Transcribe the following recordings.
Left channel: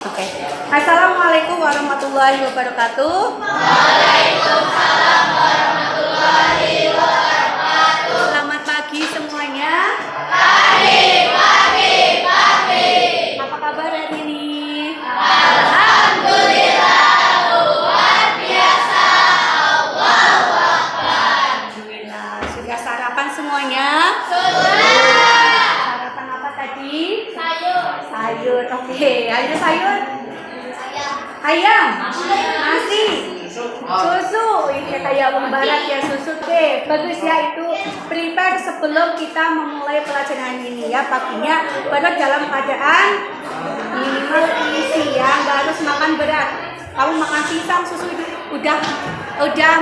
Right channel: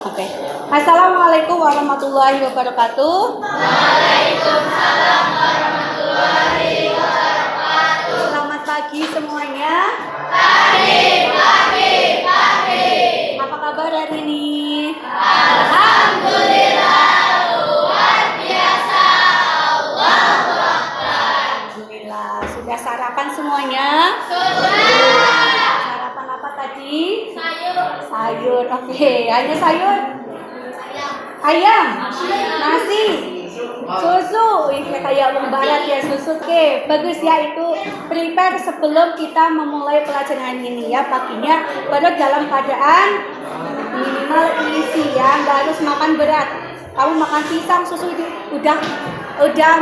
Oke. Assalamualaikum warahmatullahi wabarakatuh. Waalaikumsalam warahmatullahi wabarakatuh. Selamat pagi semuanya. Pagi. Apa kabar hari ini? Alhamdulillah, luar biasa. Allahu Akbar. Alhamdulillah. Sudah sarapan semuanya? Sudah. Sarapan apa tadi? Sayur, oke. Ayo sayur. Ayam. Nasi. Susu. Ini kayak orang barat ya, susu. Oke, bagus ya, itu prepare sebelum kita memulai pelajaran ini ya. Paginya baru dalam keadaan minimal isi ya, nggak harus makan berat. Kamu makan pisang, susu itu udah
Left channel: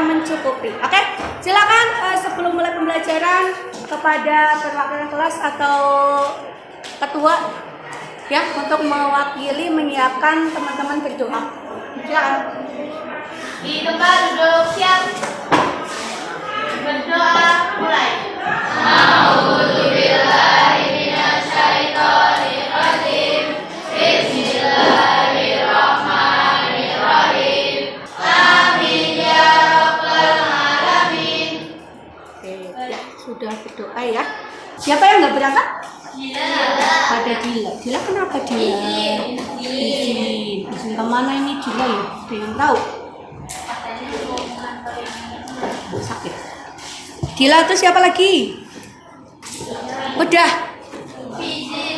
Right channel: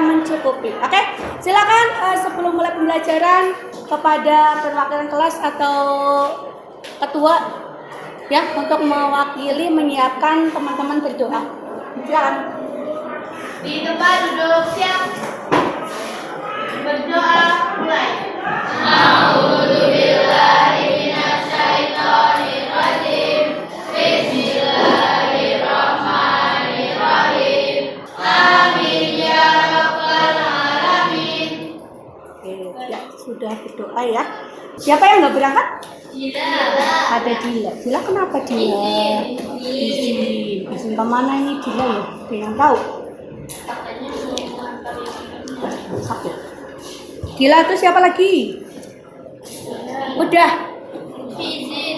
mencukupi. Oke, silakan sebelum mulai pembelajaran kepada perwakilan kelas atau ketua ya untuk mewakili menyiapkan teman-teman berdoa. Silakan. Di tempat duduk siap. Berdoa mulai. A'udzubillahi minasyaitonirrajim. Bismillahirrahmanirrahim. Amin ya rabbal alamin. Oke, ya sudah berdoa ya. Siapa yang nggak berangkat? Ada Dila. Dila kenapa Dila? Izin kemana ini Dila ya? Ada yang tahu? Sakit. Dila itu siapa lagi? Udah.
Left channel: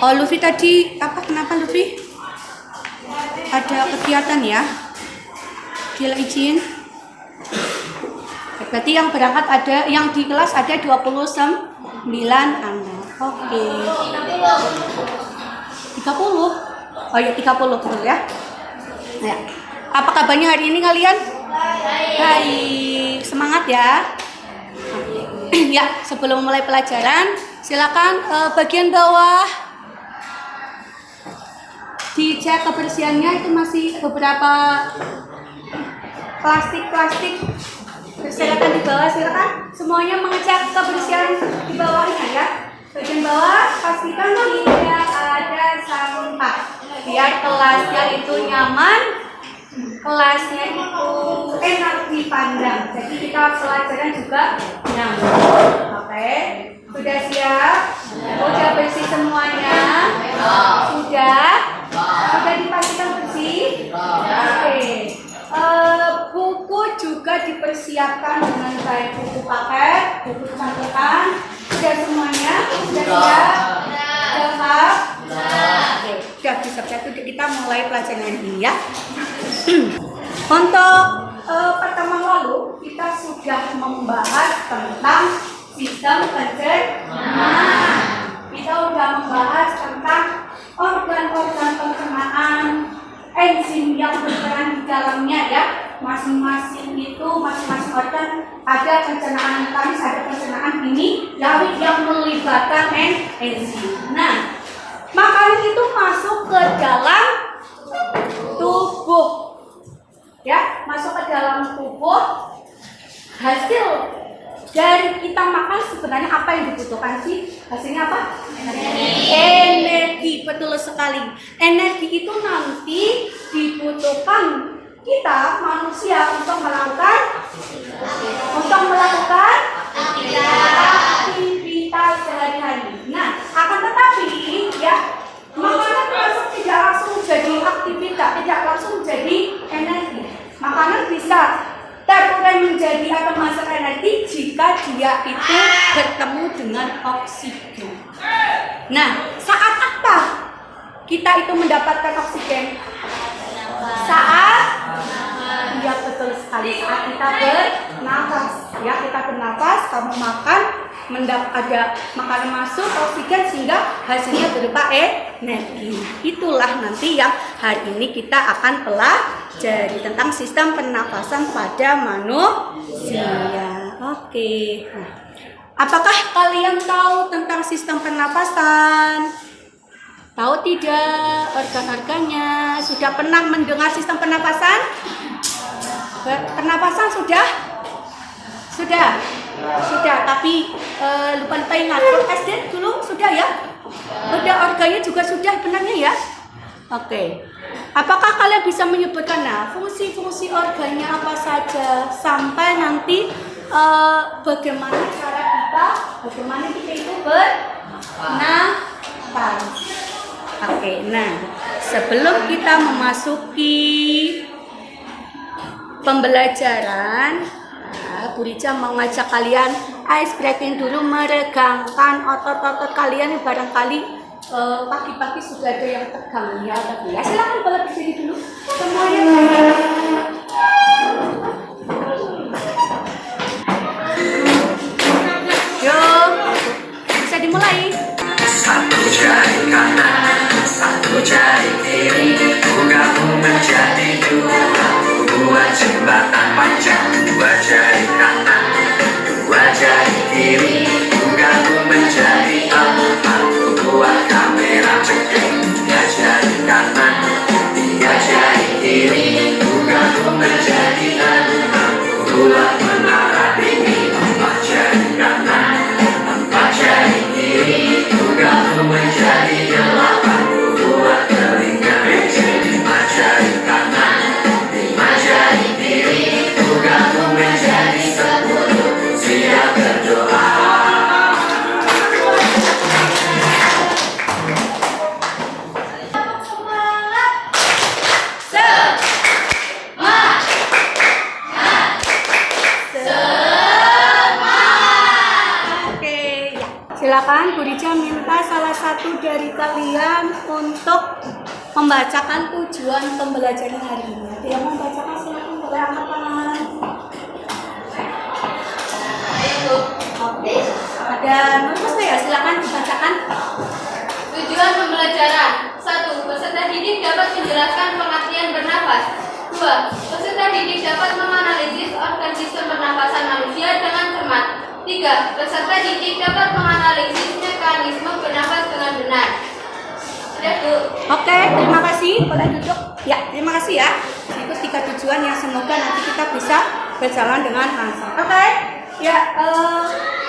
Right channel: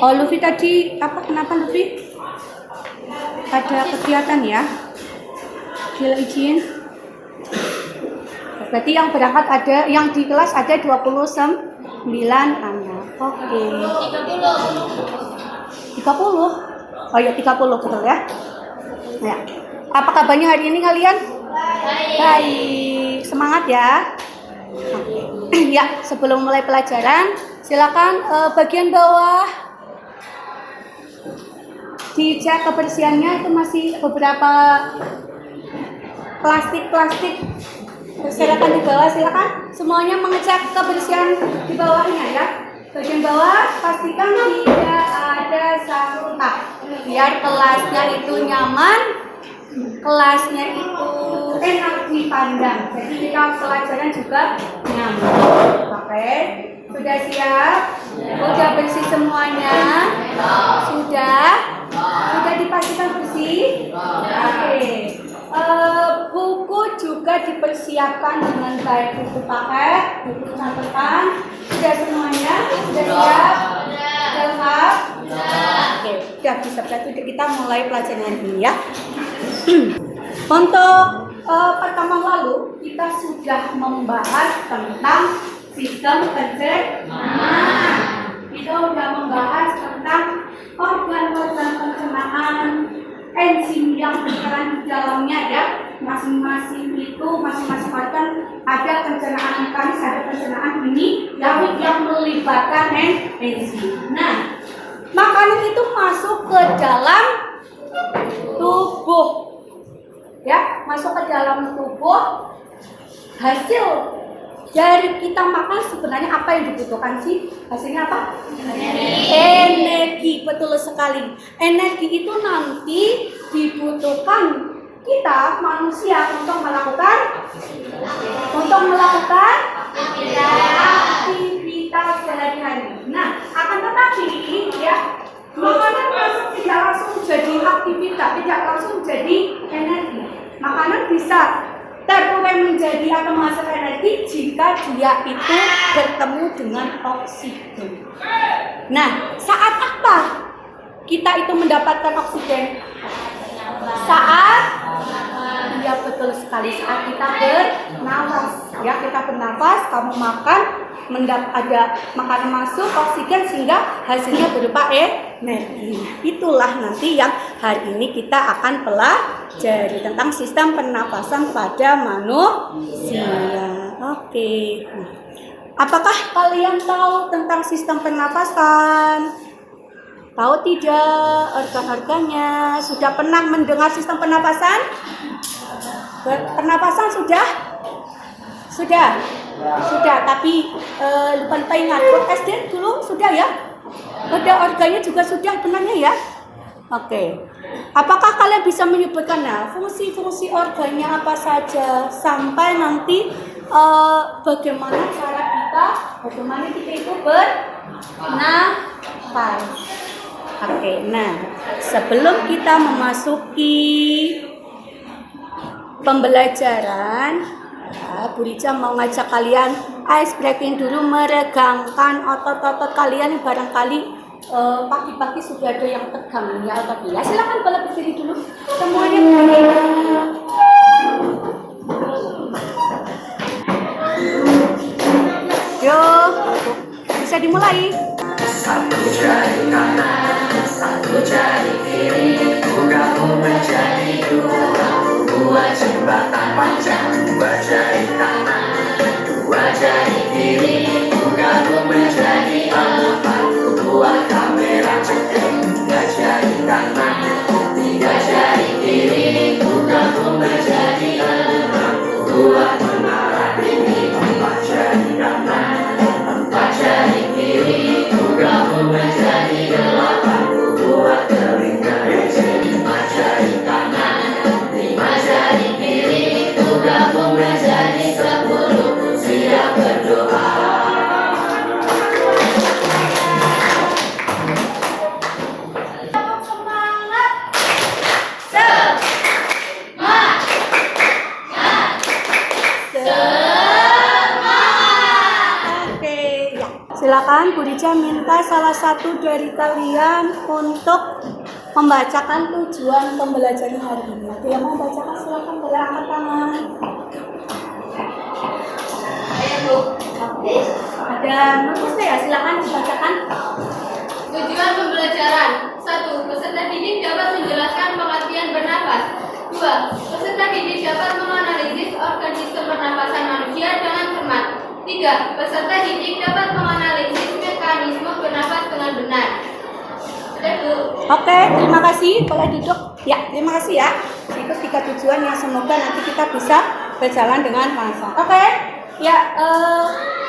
Oh, Luffy tadi apa? Kenapa Luffy? Ada kegiatan ya? Dila izin. Berarti yang berangkat ada, yang di kelas ada 29 anak. Oke. 30. Oh ya 30 betul ya. Nah, apa kabarnya hari ini kalian? Baik. Semangat ya. Ya, sebelum mulai pelajaran, silakan bagian bawah dicek kebersihannya, itu masih beberapa plastik. Silakan di bawah, silakan semuanya mengecek kebersihan di bawahnya ya. Bagian bawah pastikan tidak ada sampah biar kelasnya itu nyaman, kelasnya itu enak dipandang. Jadi kita pelajaran juga nyaman. Oke, sudah siap? Sudah bersih semuanya? Sudah dipastikan bersih? Oke. Buku juga dipersiapkan dengan baik, buku paket, buku catatan, sudah semuanya, sudah siap, lengkap. Oke, sudah bisa kita mulai pelajaran ini ya. Untuk pertemuan lalu kita sudah membahas tentang sistem pencernaan. Kita sudah membahas tentang organ-organ pencernaan, enzim yang berperan di dalamnya ya. Masing-masing organ ada pencernaan mekanis, ada pencernaan ini yang melibatkan enzim. Nah, makanan itu masuk ke dalam tubuh ya, masuk ke dalam tubuh. Hasil dari kita makan sebenarnya apa yang dibutuhkan sih? Hasilnya apa? Energi, betul sekali. Energi itu nanti dibutuhkan kita manusia untuk melakukan aktivitas sehari-hari. Nah, akan tetapi ya, makanan masuk tidak langsung jadi aktivitas, tidak langsung jadi energi. Makanan bisa terurai menjadi atau menghasilkan energi jika dia itu bertemu dengan oksigen. Nah, saat apa kita itu mendapatkan oksigen? Ya betul sekali, saat kita bernafas ya, kita bernafas, kamu makan, ada makanan masuk, oksigen, sehingga hasilnya berupa energi. Itulah nanti yang hari ini kita akan pelajari tentang sistem pernapasan pada manusia. Oke. Nah, apakah kalian tahu tentang sistem pernapasan? Tahu tidak organ-organnya? Sudah pernah mendengar sistem pernapasan? Pernapasan sudah, tapi lupa ingat. SD dulu sudah ya? Ada organnya juga sudah benarnya ya? Oke. Apakah kalian bisa menyebutkan fungsi-fungsi organnya apa saja sampai nanti bagaimana kita itu bernafas. Oke, nah sebelum kita memasuki pembelajaran, Bu Rica mau ngajak kalian ice breaking dulu, meregangkan otot-otot kalian yang barangkali pagi-pagi sudah ada yang tegang ya tadi ya. Silakan boleh berdiri dulu semuanya. Yo, bisa dimulai. Satu jari kanan, satu jari kiri, gabung menjadi dua jembatan panjang. Dua jari kanan, dua jari kiri, gabung menjadi empat. Dua kamera ceking, tiga jari kanan, tiga jari kiri, gabung menjadi enam. Dua menara tinggi, empat jari kanan, empat jari kiri, gabung menjadi delapan. Dua telinga kecil, lima jari kanan, lima jari kiri, gabung menjadi 10. Siap berdoa. Silakan Bu Rica minta salah satu dari kalian untuk membacakan tujuan pembelajaran hari ini. Ada yang mau membacakan? Silakan, boleh angkat tangan. Ada Nurmus ya? Silakan dibacakan. Tujuan pembelajaran 1. Peserta didik dapat menjelaskan pengertian bernafas. 2. Peserta didik dapat menganalisis organ sistem pernapasan manusia dengan cermat. 3. Peserta didik dapat menganalisis mekanisme bernafas dengan benar. Sudah, Bu. Oke, terima kasih. Boleh duduk. Ya, terima kasih ya. Itu 3 tujuan yang semoga nanti kita bisa berjalan dengan lancar. Oke. Ya,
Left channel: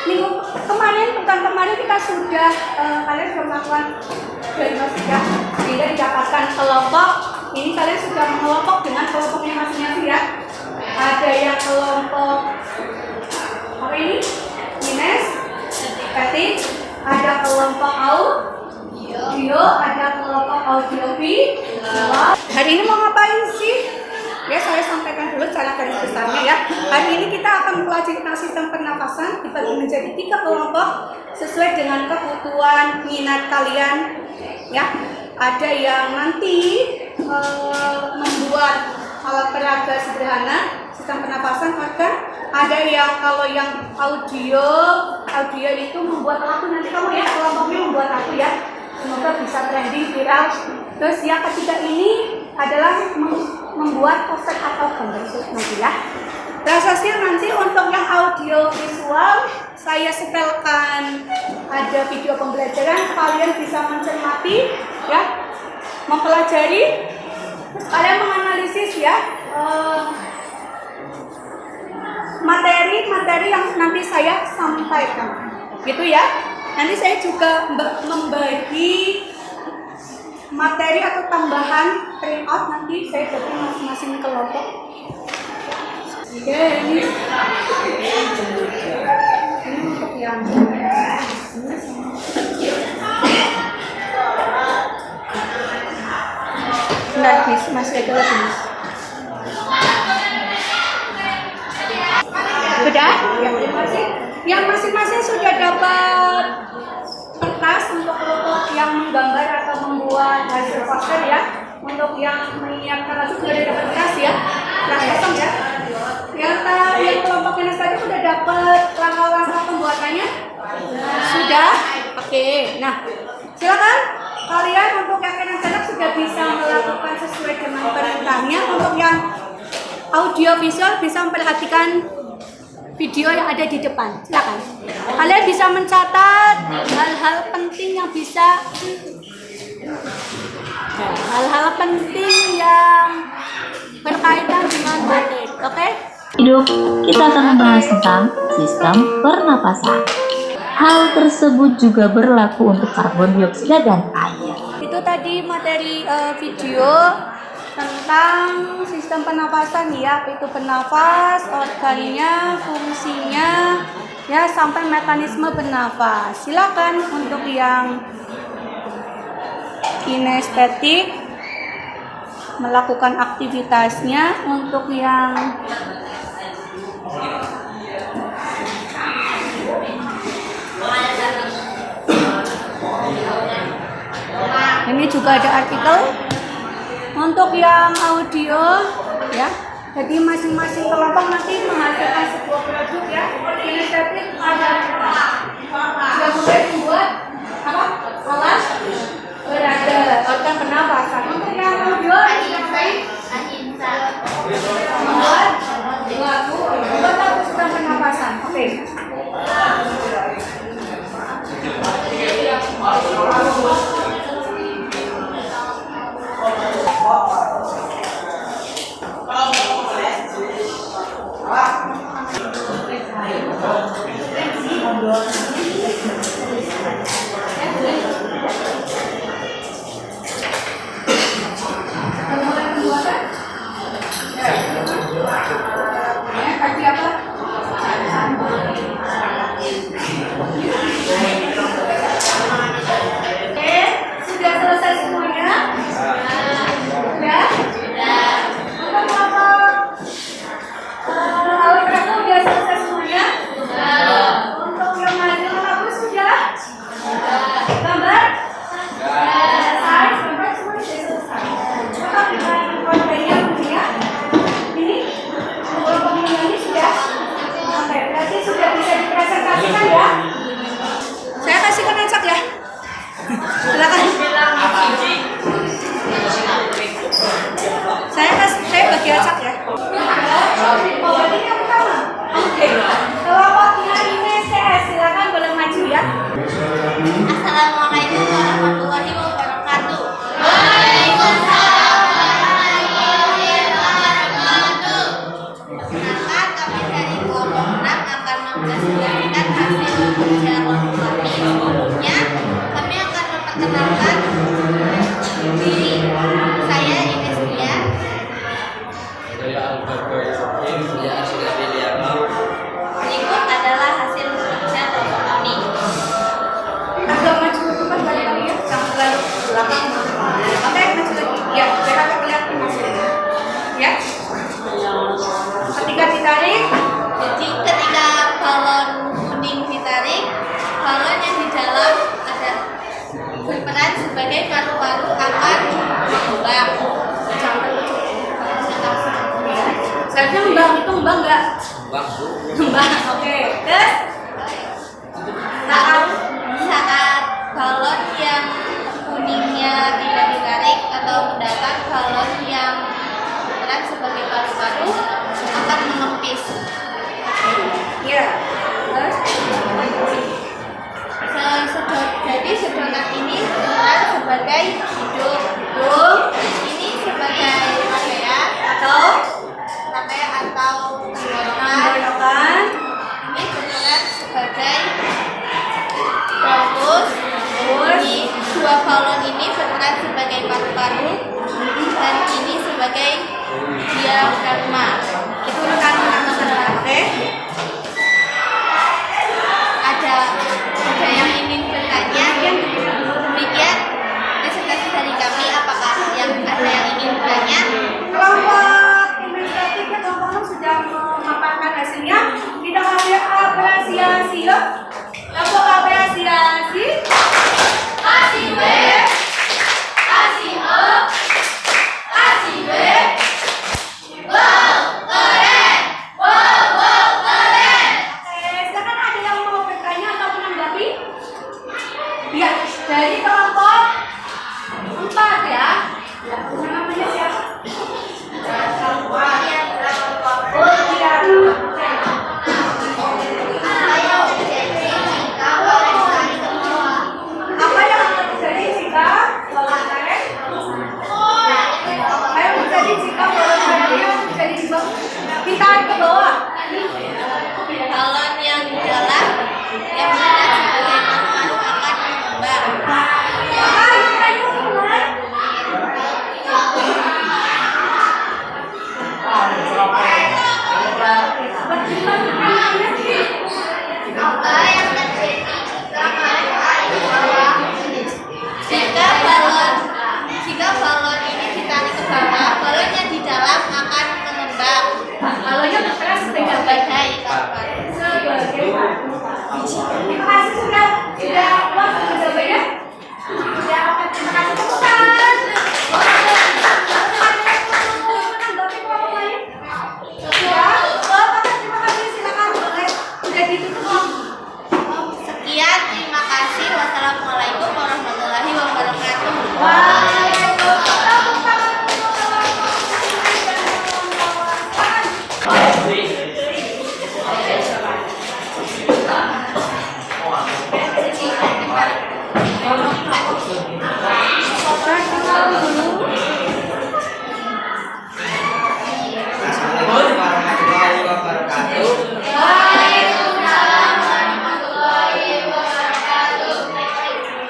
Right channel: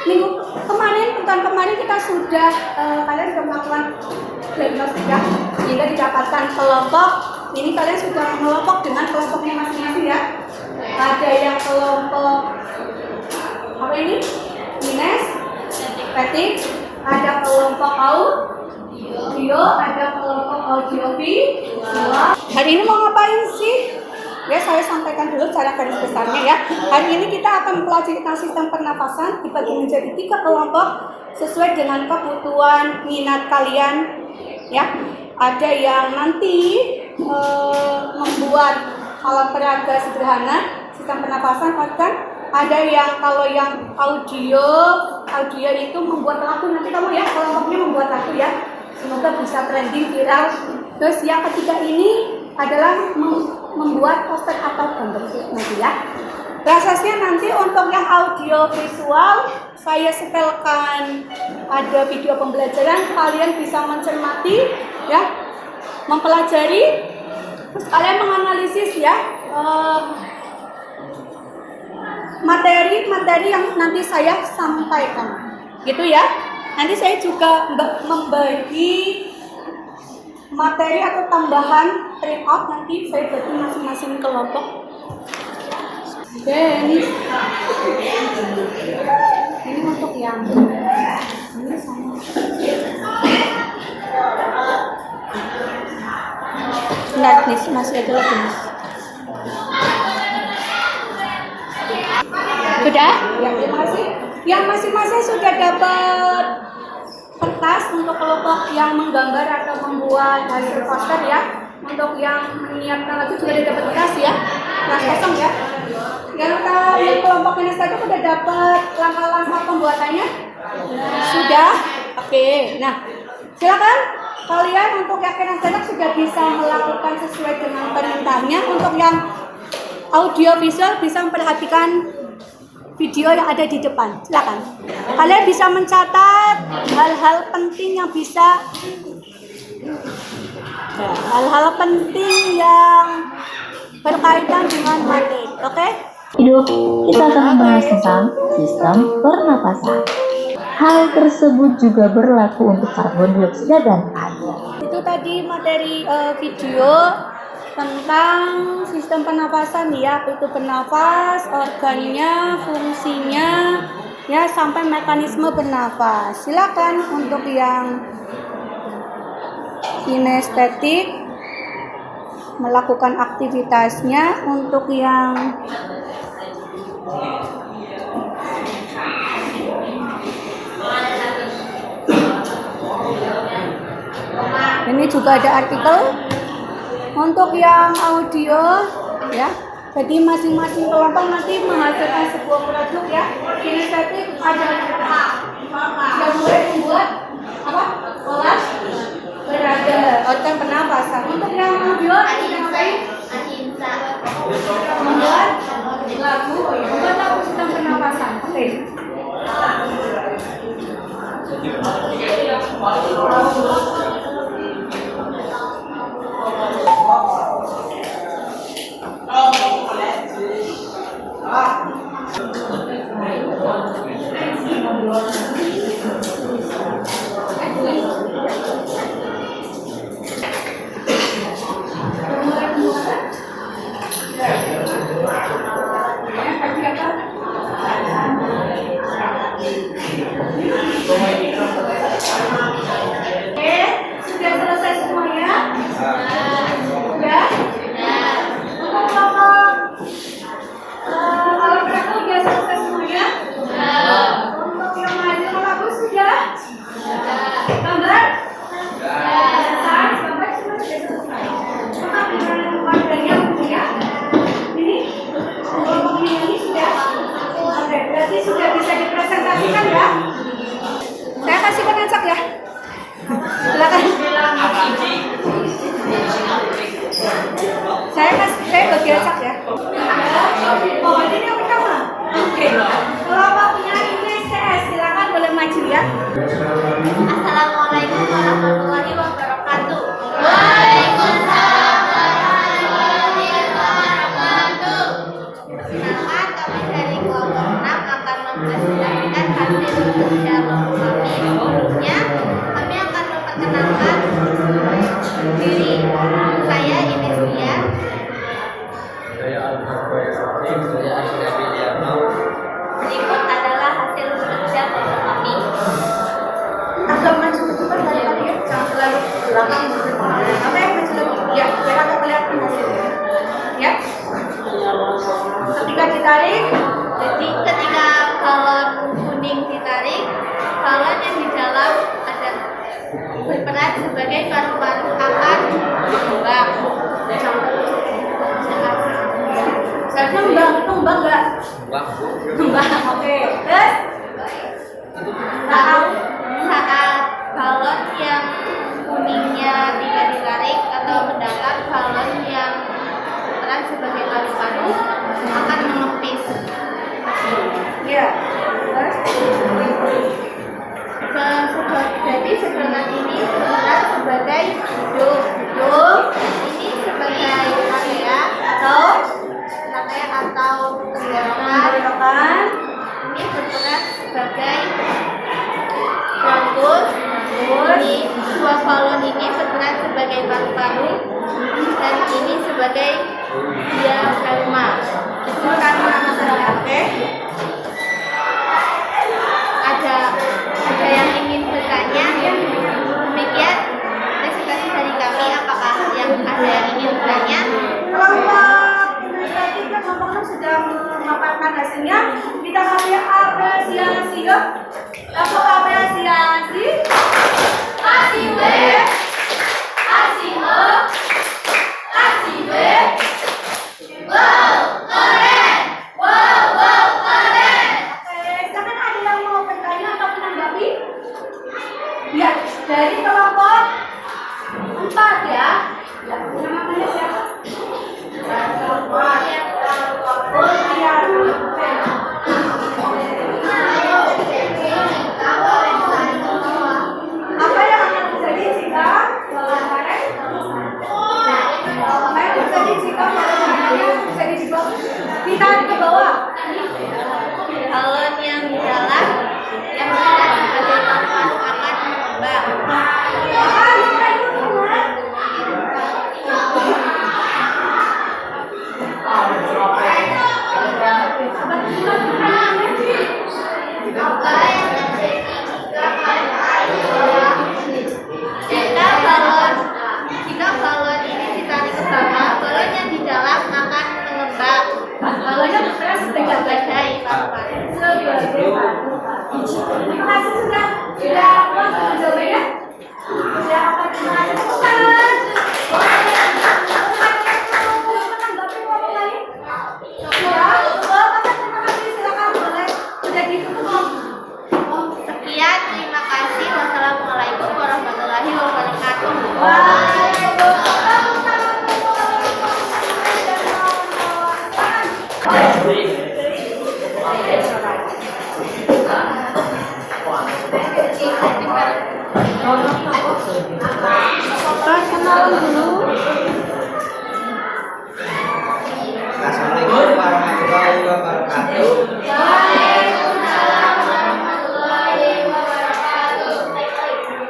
minggu kemarin, bukan kemarin kita sudah kalian sudah melakukan diagnostik ya. Sehingga didapatkan kelompok. Ini kalian sudah mengelompok dengan kelompoknya masing-masing ya. Ada yang kelompok apa ini? Ines, Petik, ada kelompok audio, ada kelompok audiovisual. Hari ini mau ngapain sih? Ya, saya sampaikan dulu cara garis besarnya ya. Hari ini kita akan mempelajari tentang sistem pernafasan dibagi menjadi 3 kelompok sesuai dengan kebutuhan minat kalian ya. Ada yang nanti membuat alat peraga sederhana sistem pernapasan organ. Ada yang kalau yang audio itu membuat lagu, nanti kamu ya kelompoknya membuat lagu ya. Semoga bisa trending viral. Terus yang ketiga ini adalah membuat poster atau gambar nanti ya. Prosesnya nanti untuk yang audio visual saya setelkan ada video pembelajaran, kalian bisa mencermati ya, mempelajari, terus kalian menganalisis ya materi yang nanti saya sampaikan gitu ya. Nanti saya juga membagi materi atau tambahan printout, nanti saya bagi masing-masing kelompok. Oke, ini untuk yang ini sama. Benar, masih ada lagi. Sudah? Ya, terima kasih. Yang masing-masing sudah dapat kertas untuk kelompok yang menggambar atau membuat hasil poster ya. Untuk yang menyiapkan lagu sudah dapat kertas ya. Kertas kosong ya. Yang kelompok ini saja sudah dapat langkah-langkah pembuatannya. Sudah? Oke. Nah, silakan kalian untuk yakin anak sudah bisa melakukan sesuai dengan perintahnya. Untuk yang audio visual bisa memperhatikan video yang ada di depan. Silakan. Kalian bisa mencatat hal-hal penting yang bisa hal-hal penting yang berkaitan dengan materi. Oke? Hidup, kita akan membahas tentang sistem pernapasan. Hal tersebut juga berlaku untuk karbon dioksida dan air. Itu tadi materi video tentang sistem pernapasan ya, apa itu bernafas, organnya, fungsinya, ya sampai mekanisme bernafas. Silakan untuk yang kinestetik melakukan aktivitasnya, untuk yang ini juga ada artikel. Untuk yang audio ya, jadi masing-masing kelompok nanti menghasilkan sebuah produk ya. Kinestetik ada sudah mulai membuat apa? Alat berada organ pernapasan. Untuk yang audio membuat lagu sistem pernapasan. Oke. Sudah selesai semuanya? Sudah? Untuk kelompok alat berat sudah selesai semuanya? Untuk yang maju lagu sudah? Gambar? Selesai. Gambar semua sudah selesai. Tetap dengan gambarnya punya. Ini kelompok ini sudah? Oke, berarti sudah bisa dipresentasikan ya? Saya kasihkan acak ya. Silakan. Saya bagi acak ya. Oh, ini yang pertama. Oke. Kelompoknya ini CS, silakan boleh maju ya. Assalamualaikum warahmatullahi wabarakatuh. Perkenalkan, kami dari kelompok 6 akan mempresentasikan hasil kerja kelompok kami. Sebelumnya, kami akan memperkenalkan diri saya Inestia. Berikut adalah hasil kerja kelompok kami. Agak maju ke depan kali ya. Sampai belakang. Oke, maju lagi. Ya, biar agak kelihatan hasilnya. Ya. Ketika ditarik, Jadi ketika balon kuning ditarik, balon yang di dalam ada berperan sebagai paru-paru akan bergerak. seharusnya mbak itu mbak enggak? Mbak, oke. Terus? Saat balon yang kuningnya tidak ditarik atau mendatar, balon yang berperan sebagai paru-paru akan mengempis. Iya. Terus? Jadi sedangkan ini berperan sebagai hidup. Ini sebagai rangkaian atau Tenggorokan. ini berperan sebagai rambut. Ini dua balon ini berperan sebagai paru-paru dan ini sebagai diafragma. Itu pertama. Oke. Ada yang ingin bertanya? Demikian presentasi dari kami. Apakah ada yang ingin bertanya? Kelompok administratif dan kelompok sudah memaparkan hasilnya. Kita kasih apresiasi yuk. Kelompok apresiasi. Kasih B. Kasih O. Kasih B. Wow, keren. Wow, keren. Silakan ada yang mau bertanya atau menanggapi? Ya, dari kelompok 4 ya. Ya, namanya siapa? Oh iya. Apa yang akan terjadi jika balon karet? Apa yang terjadi jika balon karet terjadi di bawah? Ditarik ke bawah. Balon yang di dalam yang berperan sebagai paru-paru akan mengembang. Apa yang ayo teman? mendapat sebagai terima kasih sudah puas untuk jawabannya. Sudah apa? Terima kasih teman-teman. Menanggapi ngomong lain? Ya, Bapak terima kasih, silakan boleh. Sudah ditutup. Sekian, terima kasih. Wassalamualaikum warahmatullahi wabarakatuh. Waalaikumsalam warahmatullahi wabarakatuh. Assalamualaikum warahmatullahi wabarakatuh. Waalaikumsalam warahmatullahi wabarakatuh.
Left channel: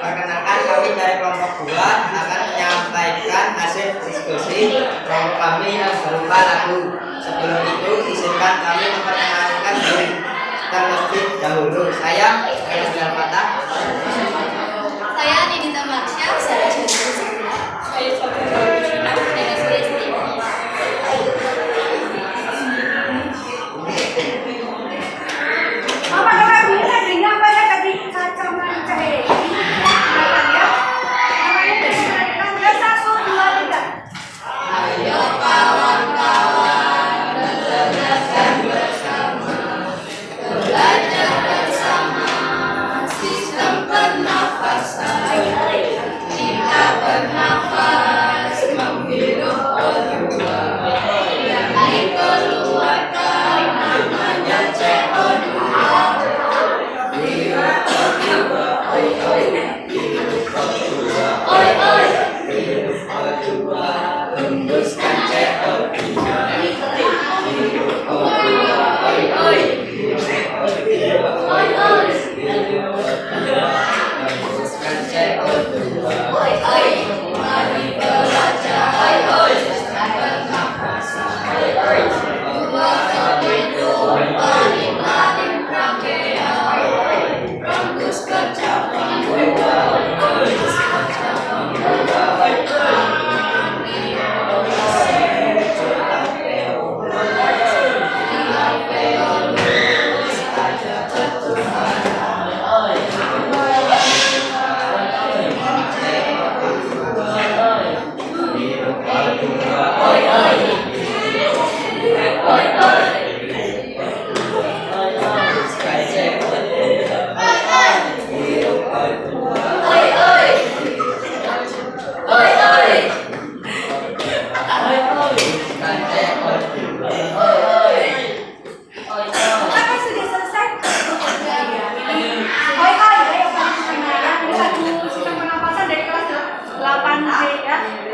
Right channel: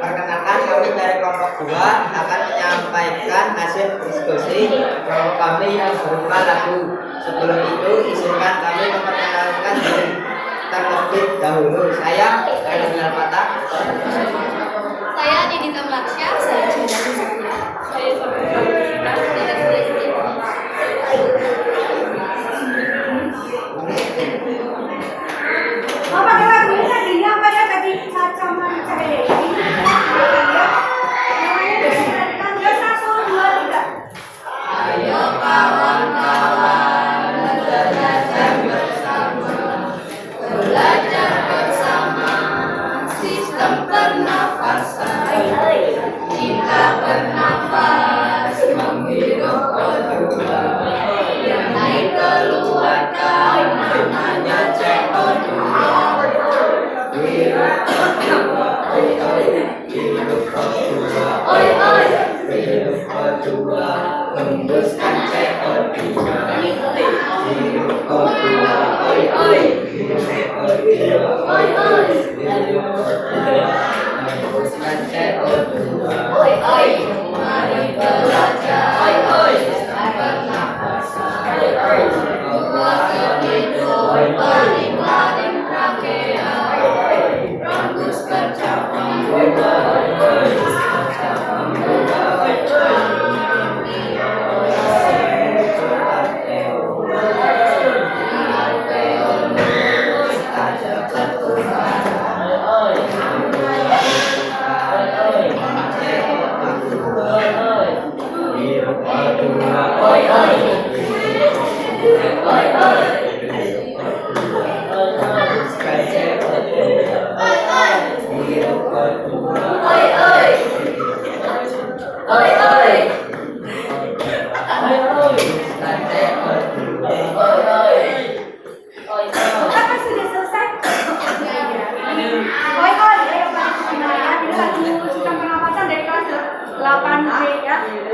Perkenalkan, kami dari kelompok 2 akan menyampaikan hasil diskusi kelompok kami yang berupa lagu. Sebelum itu, izinkan kami memperkenalkan diri terlebih dahulu. Saya Khairul Fatah. Saya Nidita Marsha. Saya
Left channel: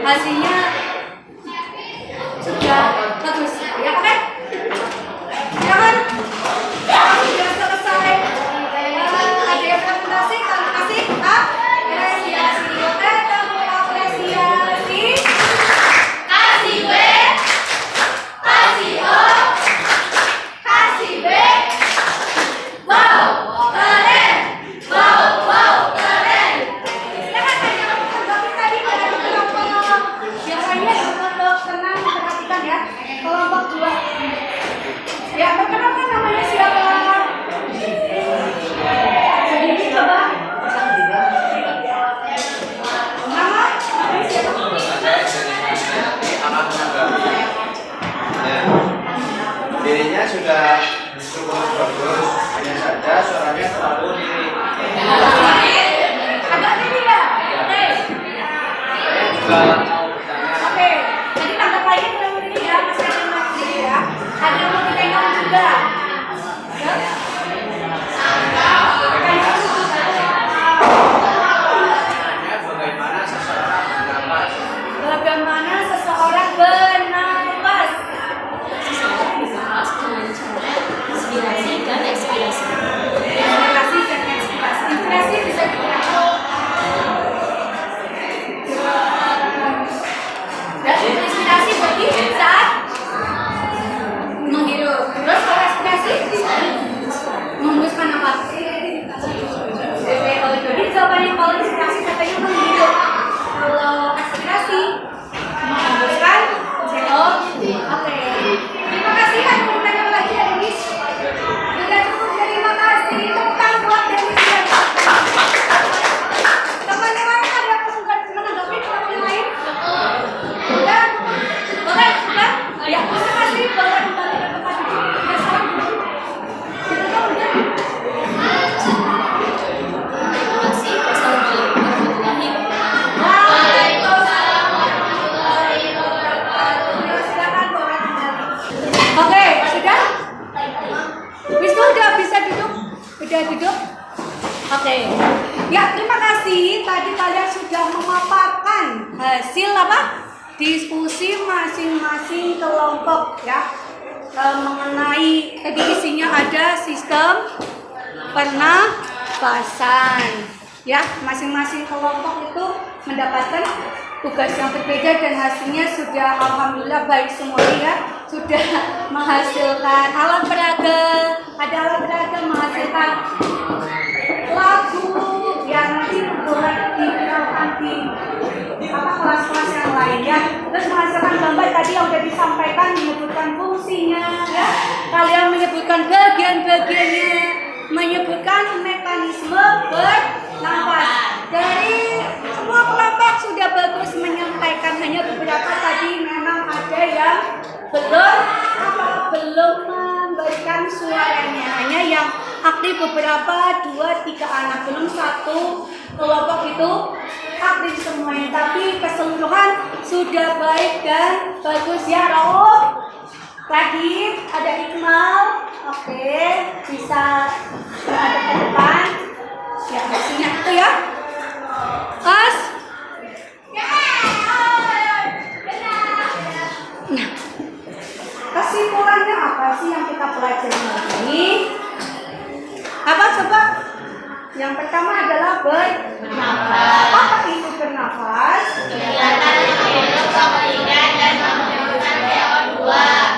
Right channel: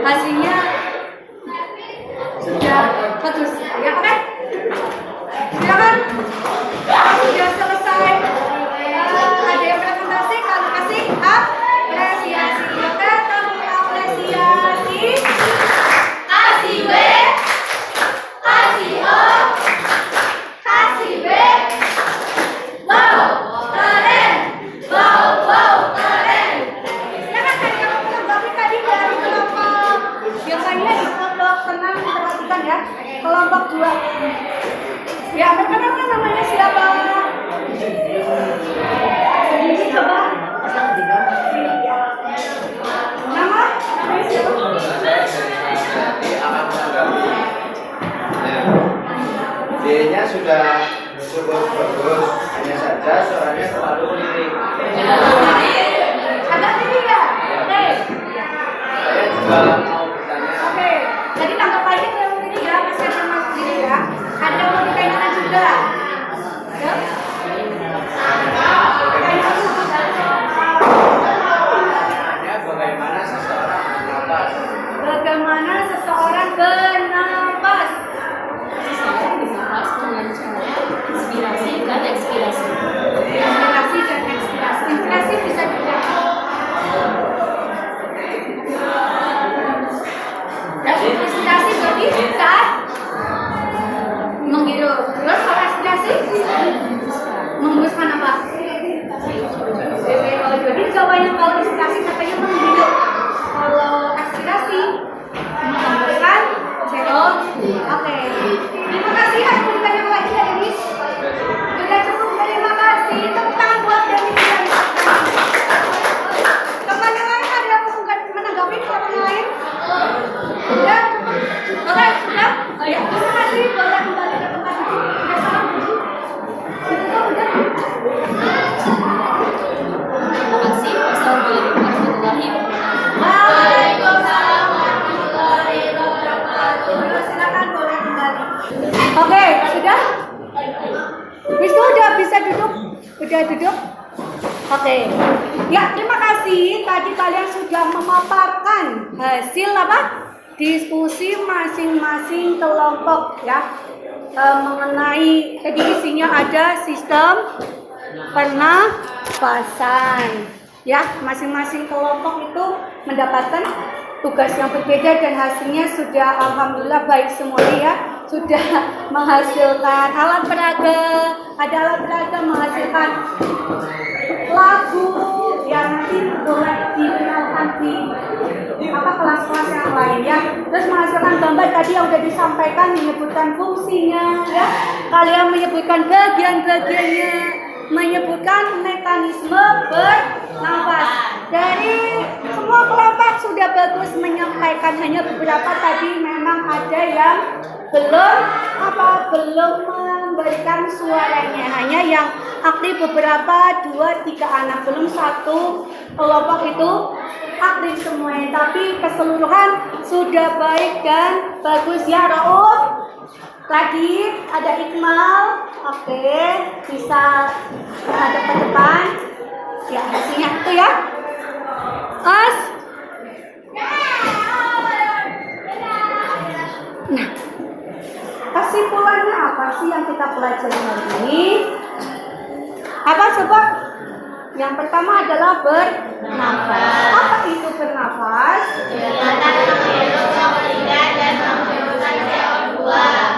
hasilnya sudah bagus ya, oke? Silakan. Sudah selesai. Ada yang presentasi, kalau kasih apresiasi. Oke, tepuk apresiasi. Kasih B, kasih O, kasih B. Wow, keren. Wow, keren. Silakan tadi yang menanggapi tadi dari kelompok yang lainnya, kelompok tenang perhatikan ya. Kelompok 2. Ya, perkenalkan namanya siapa? Sedikit coba. Nama? Dirinya sudah cukup bagus, hanya saja suaranya terlalu mirip. Agak tinggi ya? Oke. Saya juga mau bertanya. Oke. Jadi tanggapannya terlalu tinggi ya, Mas Adi Mas Didi ya. Ada yang mau ditanyakan juga? Ya? Bagaimana seseorang bernapas? Bagaimana seseorang bernapas? Inspirasi dan ekspirasi. Inspirasi bisa dibilang. Dan inspirasi berarti saat menghirup. Terus kalau ekspirasi menghembuskan apa? Jadi jawabannya kalau inspirasi katanya menghirup. Kalau ekspirasi menghembuskan Oke, sudah? Wisnu udah bisa duduk? Udah duduk? Oke. Ya, terima kasih. Tadi kalian sudah memaparkan hasil apa? Diskusi masing-masing kelompok ya. Mengenai tadi isinya ada sistem pernapasan. Ya, masing-masing kelompok itu mendapatkan tugas yang berbeda dan hasilnya sudah alhamdulillah baik semuanya ya. Sudah menghasilkan alat peraga, ada alat peraga menghasilkan lagu yang nanti boleh dikenalkan di kelas-kelas yang lain ya. Terus menghasilkan gambar tadi yang sudah disampaikan, menyebutkan fungsinya ya. Kalian menyebutkan bagian-bagiannya, menyebutkan mekanisme bernafas. Dari semua kelompok sudah bagus menyampaikan, hanya beberapa tadi memang ada yang belum memberikan suaranya, hanya yang aktif beberapa 2-3 anak, belum satu kelompok itu aktif semuanya, tapi keseluruhan sudah baik dan bagus ya. Rauf tadi ada Iqmal, oke, bisa ada ke depan ya, hasilnya itu ya. As nah, kesimpulannya apa sih yang kita pelajari hari ini? Apa coba? Yang pertama adalah bernafas. Apa itu bernafas?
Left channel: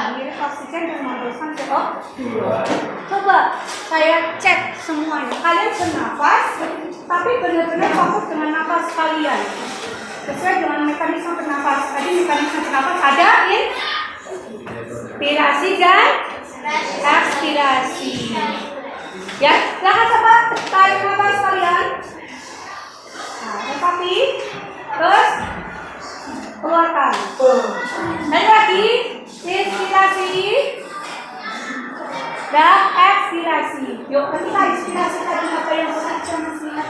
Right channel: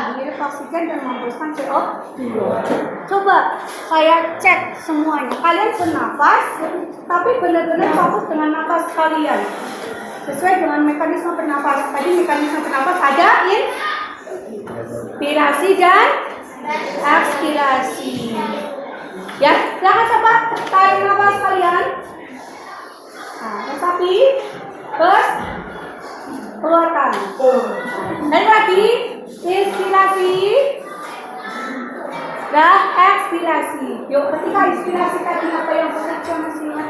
Mengirit oksigen dan menghembuskan CO2. Coba saya cek semuanya. Kalian bernafas, tapi benar-benar fokus dengan nafas kalian. Sesuai dengan mekanisme bernafas. Tadi mekanisme bernafas ada inspirasi dan ekspirasi. Ya, jangan coba tarik nafas kalian. Nah, tetapi terus keluarkan. Dan lagi inspirasi dan ekspirasi. Yuk, ketika inspirasi tadi apa yang bekerja maksudnya?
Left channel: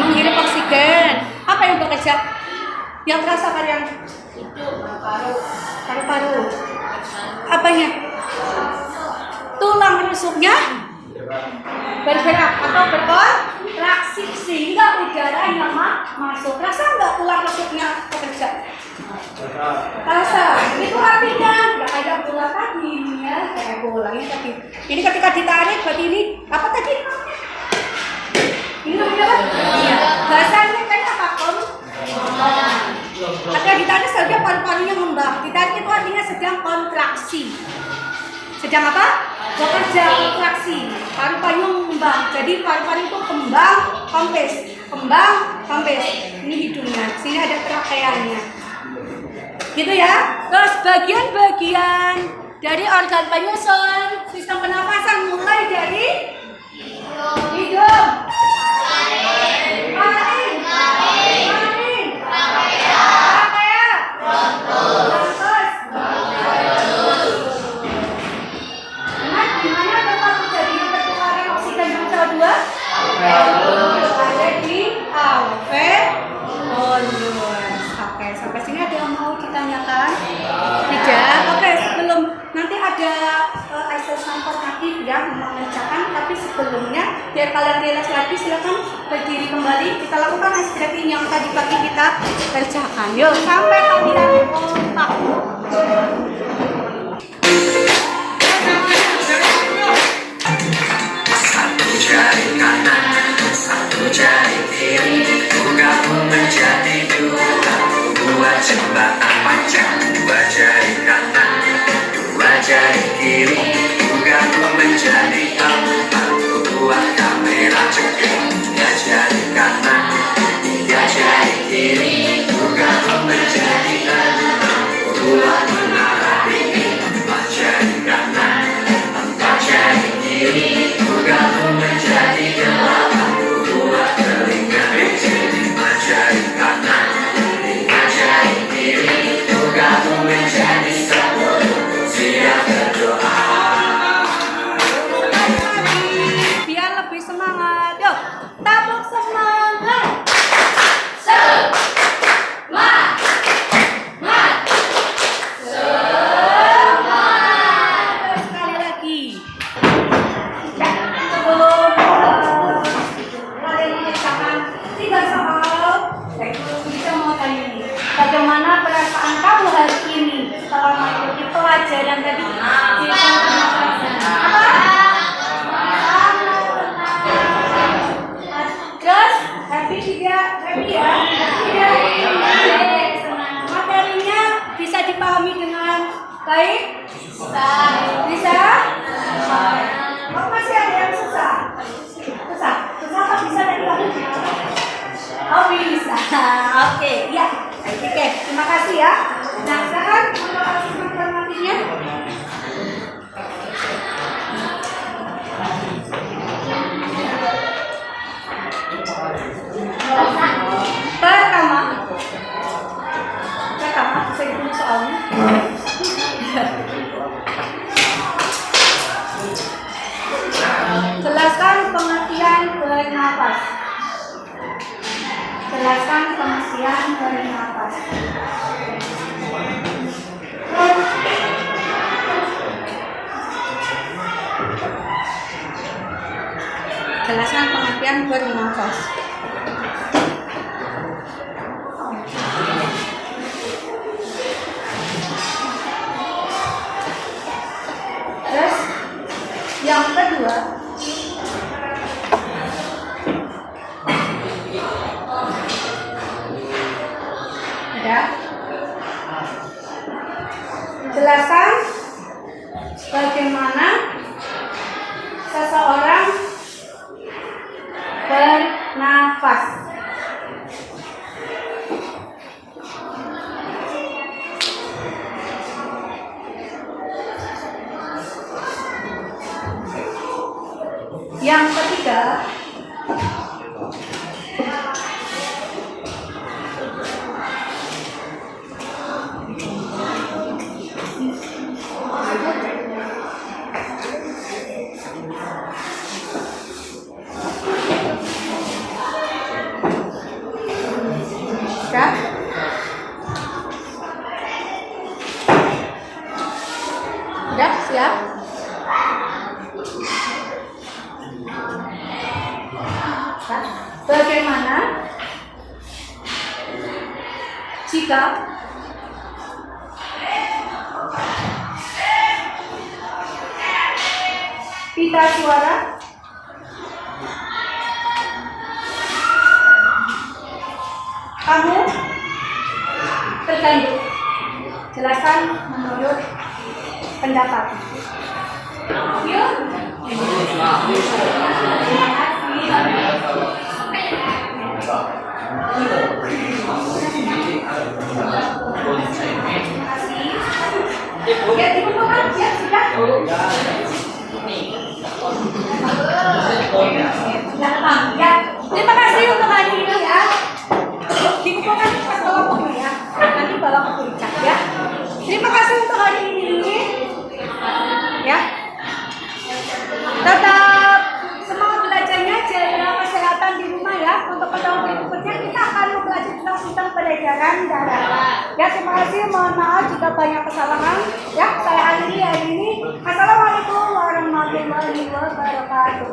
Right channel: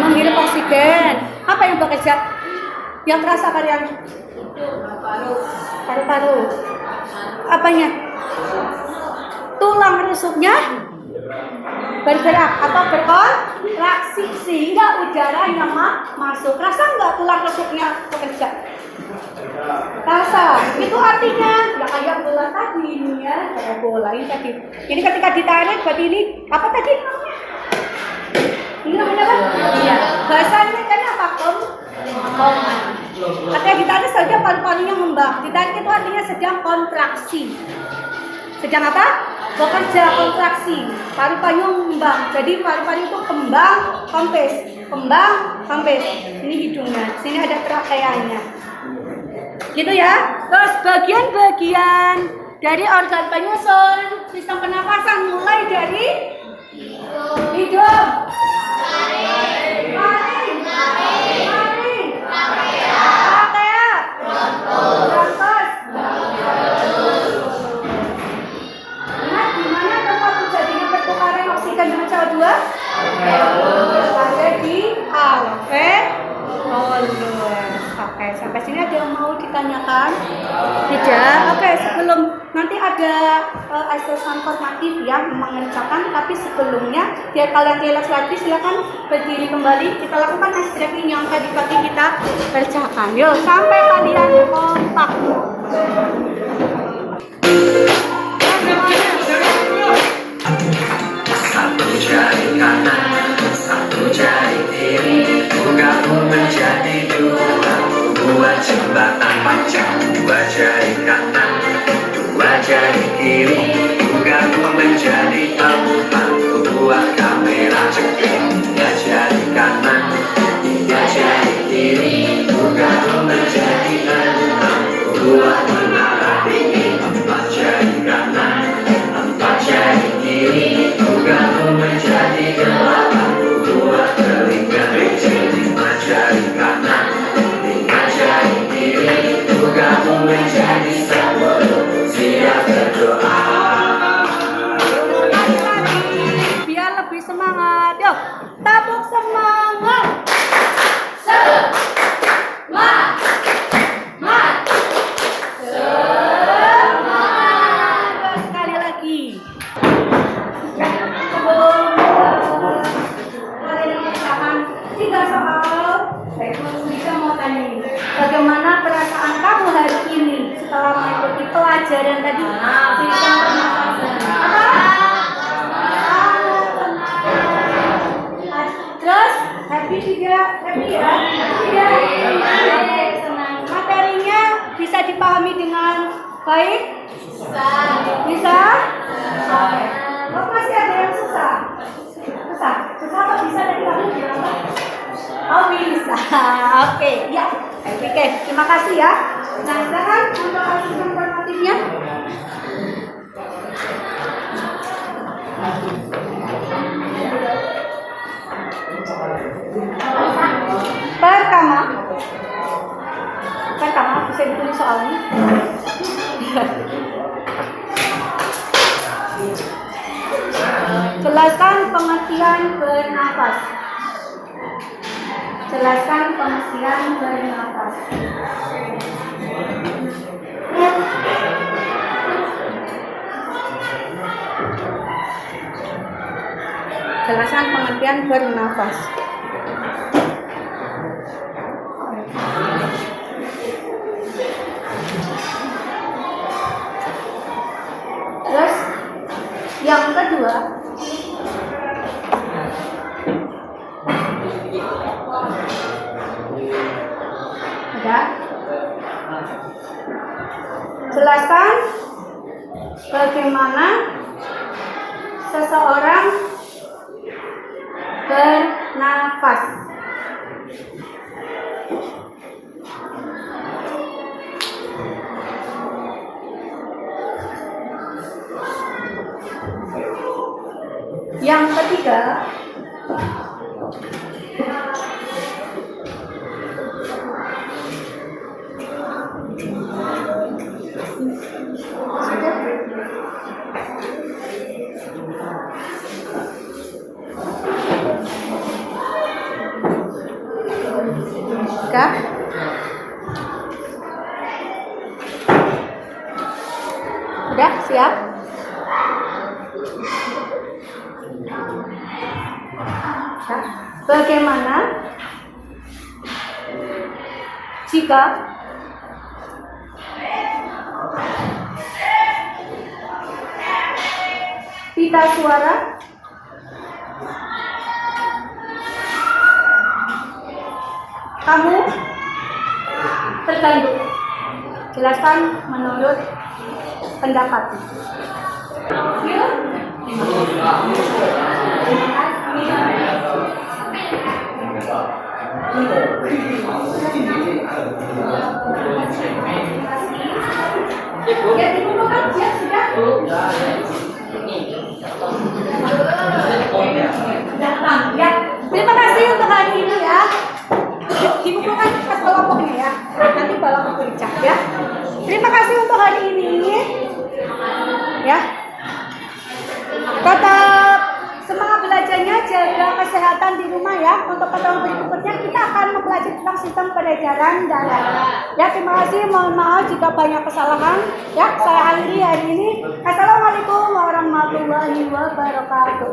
Menghirup oksigen. Apa yang bekerja? Yang terasa kalian? Paru-paru. Apanya? Tulang rusuknya bergerak atau berkontraksi sehingga udara yang masuk. Rasa nggak tulang rusuknya bekerja? Rasa. Itu artinya ya kayak bola tadi ini ya, kayak bola ini tadi. Ini ketika ditarik berarti ini apa tadi namanya? Ini namanya apa? Iya. Bahasanya kan apa? Ketika ditarik saja paru-parunya ngembang. Ditarik itu artinya sedang kontraksi. Sedang apa? Bekerja kontraksi. Paru-paru ngembang. Jadi paru-paru itu kembang, kempes. Kembang, kempes. Ini hidungnya. Sini ada trakeanya. Gitu ya. Terus bagian-bagian dari organ penyusun sistem pernafasan mulai dari hidung. Ada di alveolus. Oke, sampai sini ada yang mau ditanyakan? Tidak. Oke, sebelum nanti ada exercise formatif yang mengerjakan, tapi sebelumnya biar kalian relax lagi, silakan berdiri kembali. Kita lakukan stretching yang tadi pagi kita kerjakan. Yuk, sampai kalian kompak. Satu jari kanan, satu jari kiri, gabung menjadi dua jembatan panjang. Dua jari kanan, dua jari kiri, gabung menjadi empat. Dua kamera ceking, tiga jari kanan, tiga jari kiri, gabung menjadi enam. Dua menara ini, empat jari kanan, empat jari kiri, gabung menjadi delapan. Dua telinga lima jari kanan, Bagaimana perasaan kamu hari ini setelah mengikuti pelajaran tadi? Apa? Terus happy tidak? Happy ya? Iya. Senang. Materinya bisa dipahami dengan baik? Bisa? Kok masih ada yang susah? Susah apa bisa dari kamu? Oh bisa. Oke, ya. Oke, terima kasih ya. Nah, sekarang untuk hasil informatifnya. Pertama bisa ditulis soalnya. Jelaskan pengertian bernafas. Jelaskan pengertian bernafas. Jelaskan pengertian bernafas. Terus yang kedua, ada jelaskan bagaimana seseorang bernafas. Yang ketiga, udah siap? Bagaimana jika pita suara kamu terganggu? Jelaskan menurut pendapat. Ya, ibu makan siap sudah. Gampang ya. Terima kasih untuk hari ini ya. Dikumpulkan pas kelompoknya ya. Nanti bawa ke puncak ya. Terima kasih untuk hari ini. Ya. Tetap semangat belajarnya, jaga kesehatan di rumah ya. Untuk pertemuan berikutnya kita akan mempelajari tentang sistem peredaran darah. Ya, terima kasih. Mohon maaf jika banyak kesalahan. Ya, saya akhiri hari ini. Assalamualaikum warahmatullahi wabarakatuh.